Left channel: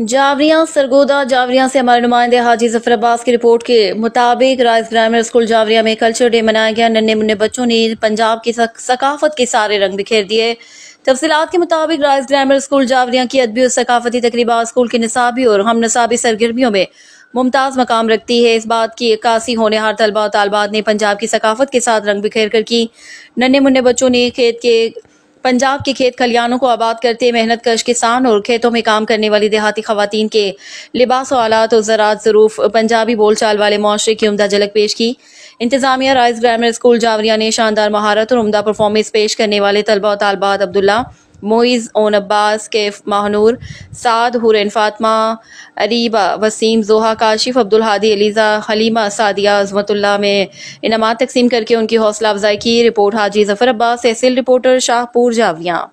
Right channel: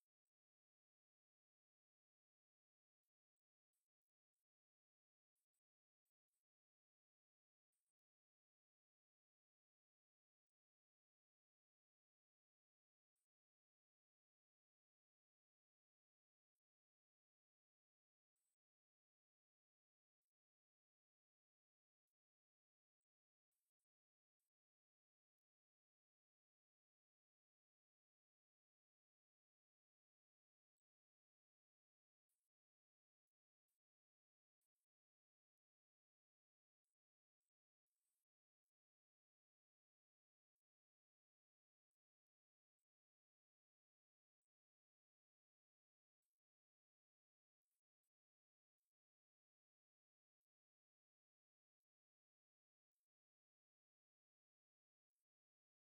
जावरियां सरगोदा जावरियां से हमारे नुमाइंदे हाजी जफर अब्बास की रिपोर्ट के मुताबिक राइस ग्रामर स्कूल जावरिया में कल्चर डे मनाया गया। नन्हे मुन्ने बच्चों ने पंजाब की सकाफत के सारे रंग बिखेर दिए। तफसीलात के मुताबिक राइस ग्रामर स्कूल जावरिया की अदबी और सकाफती तकरीबात स्कूल की निसाबी और हम नसाबी सरगर्मियों में मुमताज़ मकाम रखती है। इस बात की अक्कासी होनहार तलबा और तालबात ने पंजाब की सकाफत के साथ रंग बिखेर कर की। नन्हे मुन्ने बच्चों ने पंजाब के खेत खलियानों को आबाद करते मेहनत कश किसान और खेतों में काम करने वाली देहाती खवातीन के लिबास और आलात और ज़राअत ज़रूफ पंजाबी बोलचाल वाले मुआशरे की उम्दा झलक पेश की। इंतजामिया राइस ग्रामर स्कूल जावरिया ने शानदार महारत और उम्दा परफॉर्मेंस पेश करने वाले तलबा और तालबात अब्दुल्ला, मोइज़, ओन अब्बास, कैफ महानूर, साद, हुरैन फातिमा, अरीबा, वसीम, जोहा, काशिफ, अब्दुल हादी, एलिजा, हलीमा, सादिया, अज़मतुल्लाह में इनामात तकसीम करके उनकी हौसला अफजाई की। रिपोर्ट हाजी जफर अब्बास, तहसील रिपोर्टर, शाहपुर, जावरिया।